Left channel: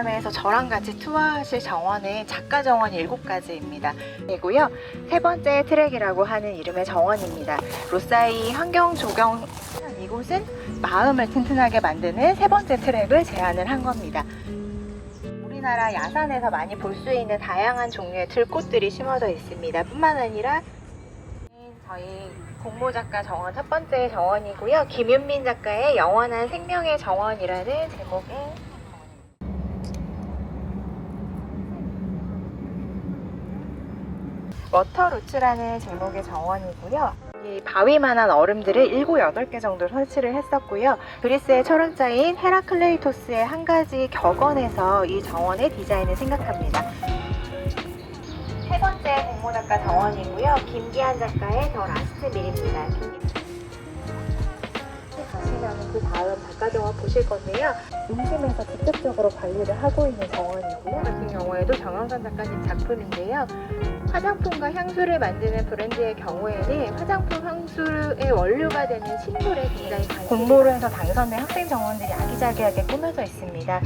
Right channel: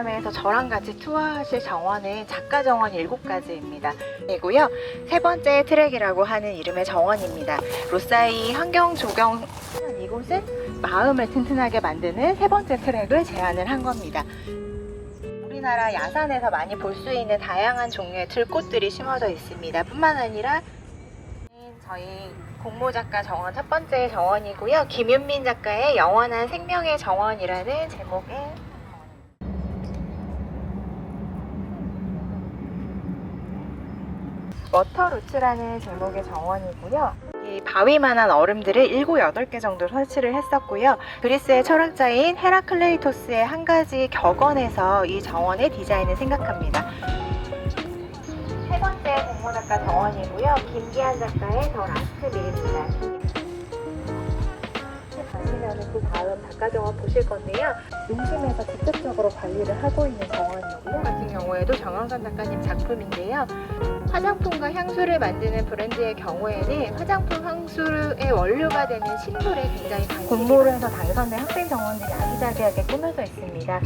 박람회에서 저랑 같이 투어하실 정원은 작가 정원 7가지입니다. 이고요. 세 번째 트랙이라고 하는 이름의 정원입니다. 로사이 환경 조경 이곳은 마음을 튼튼하게 만드는 세 번째 트랙을 제안을 한 겁니다. 우리나라 야산에서 많이 볼 수 있는 다양한 종류의 들꽃들이 심어져 있습니다. 뿐만 아니라 저희 공모 작가 정원 첫 번째 정원이고요. 김윤민 작가의 영원한 생명의 정원이라는 제목의 워터루츠라는 제목의 정원이고요. 이 바위만한 얼음들을 7, 8개 정도 설치를 했었고요. 그리스의 철학자인 헤라클레이토스의 한 가지 격언에서 이 정원의 디자인을 생각합니다. 세 번째 공모 작가 정원이고요. 김기한 작가의 더 라스트 밀입니다. 그 다음 작가 정원 보실 건데요. 인심에서 직접적으로 관리를 하고 있는 정원이고요. 같은 경우에도 정영선 작가님 작품인데요. 화장품과 향수를 만드는 브랜드의 경우에는 화장품 향수의 원료가 되는 식물에 굉장히 공모를 해서 당선된 학생 정원들이 아기자기하게 꾸며져 있습니다.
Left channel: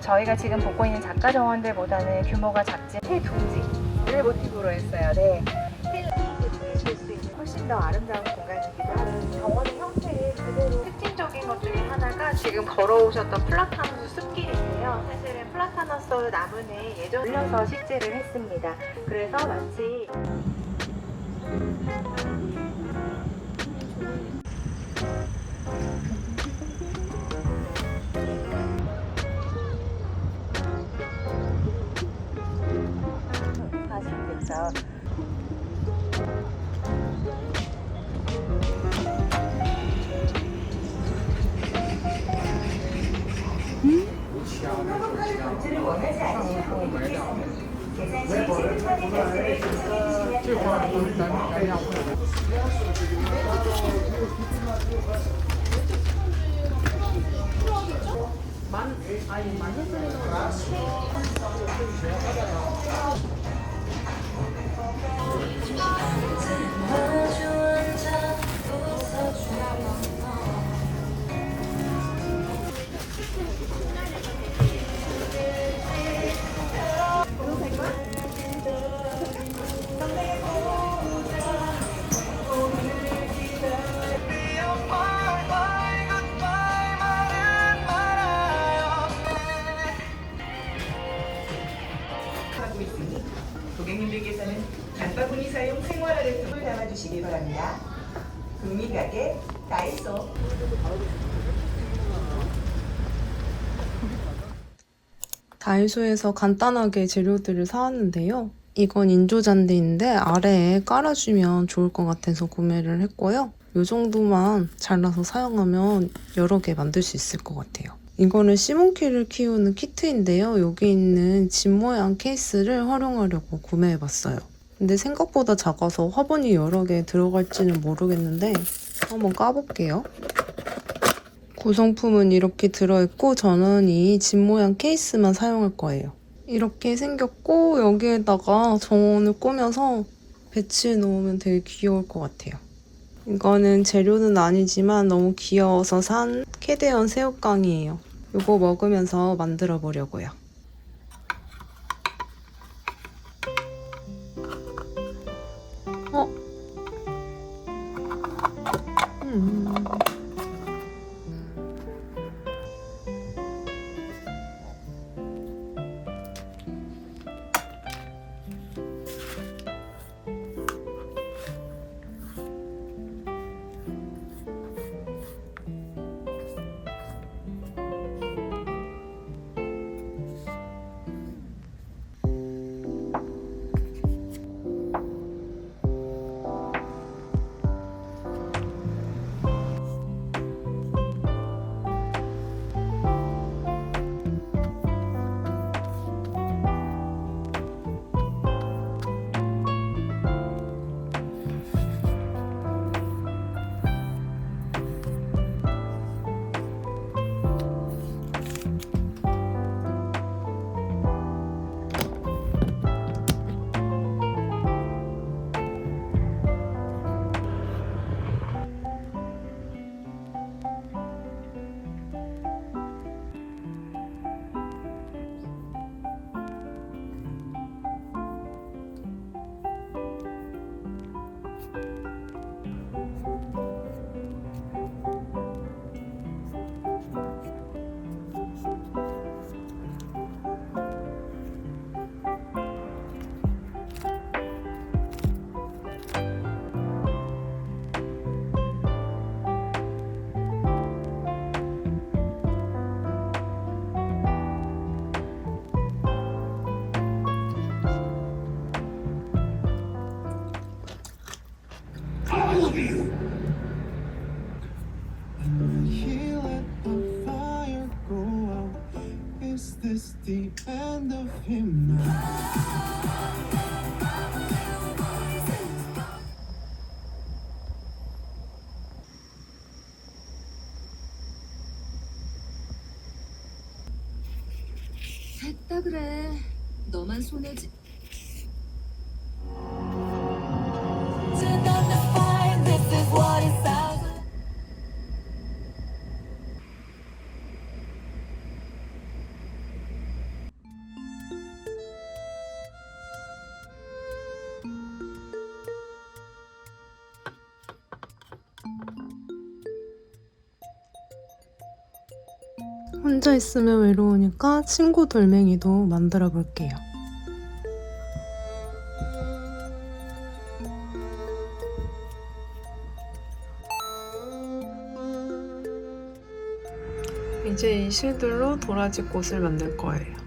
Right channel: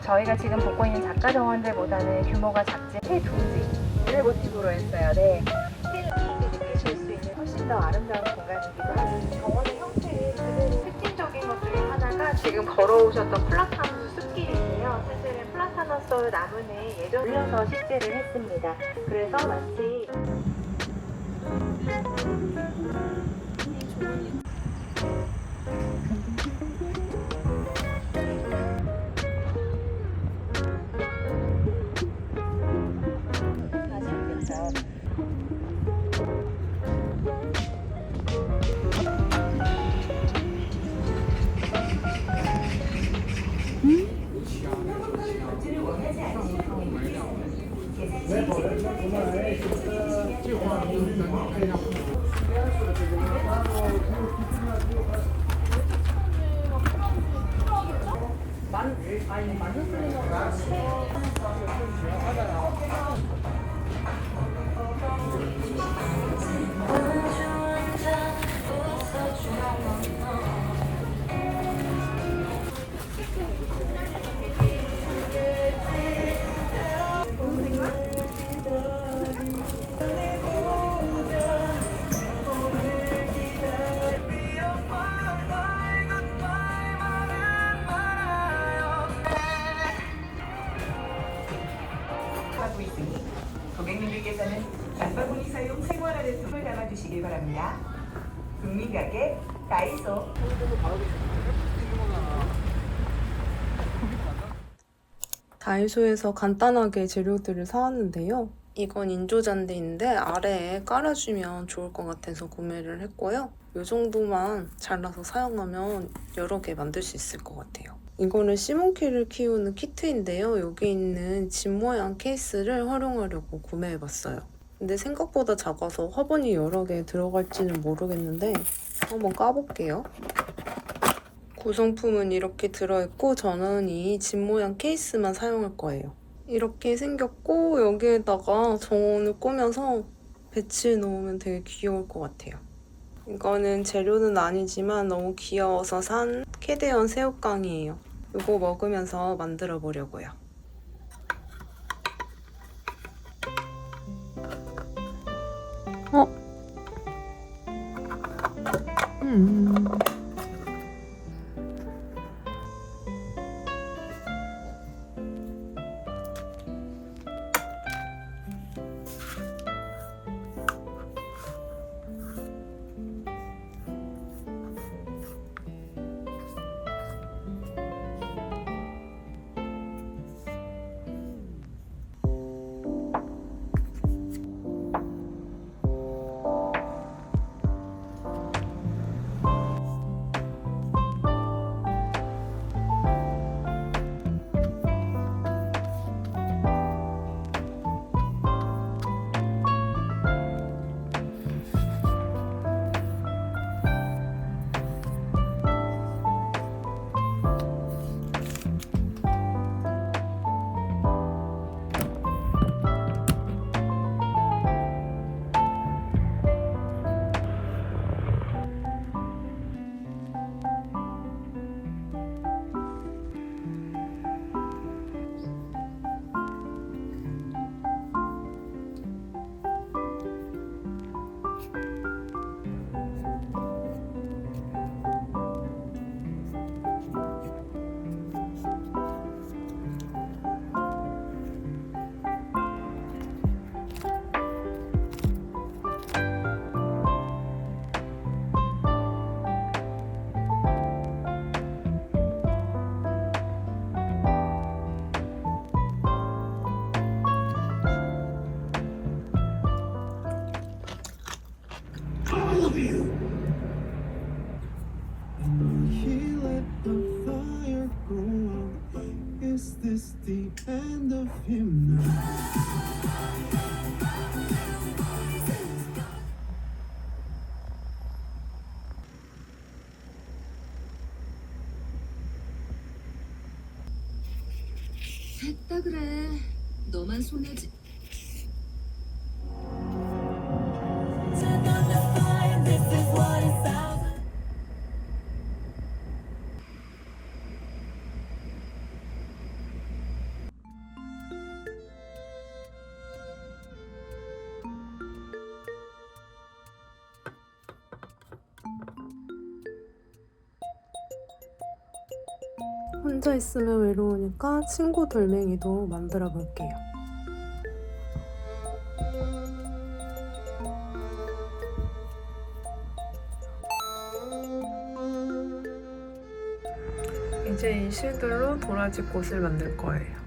저희가 지금 보고 있는 작가 정원들보다는 규모가 작지만 폐둥지를 모티브로 했어요. 네. 폐둥지를 느끼실 수 있는 훨씬 더 아름다운 공간이기도 하고 정원의 형태를 그대로 특징적인 것 중에 하나가 지금 걸어오셨던 플라타누스 숲길인데요. 사실은 플라타누스 나무는 예전 올려서 식재를 했습니다. 그래서 마치 아시겠죠? 고객님들께서는 장바구니 사용 생활화를 톡을 담아주시기 바랍니다. 국민가게 다이소. 다이소에서 간단하게 재료들을 사왔는데요. 이건 인조잔디인데 아래에 깔아주면 좋을 것 같아서 구매를 했고요. 이 정도만 잘라서 사용하면 여러 개 만들 수 있을 것 같아요. 이거는 시몬키를 키우는 키트인데요. 여기 있는 집 모양 케이스를 활용하려고 구매해봤어요. 근데 생각보다 작아서 화분이 여러 개 들어갈지는 모르겠는데 한번 까볼게요. 구성품은 이렇게 들어있고 저는 이 집 모양 케이스만 사용할 거예요. 이렇게 생겼고 여기에다가 정원을 꾸며서 배치해 놓으면 되게 귀여울 것 같아요. 이거는 재료는 아니지만 너무 귀여워서 산 캐대언 새우깡이에요. 이거 먹으면서 만들어 보려고요. 됐다 그래. 너만 손해지. 혼자 있으면 외로우니까 친구 돌멩이도 만들어 볼게요. 이제 이 실들로 도라지 꽃을 만들 거예요.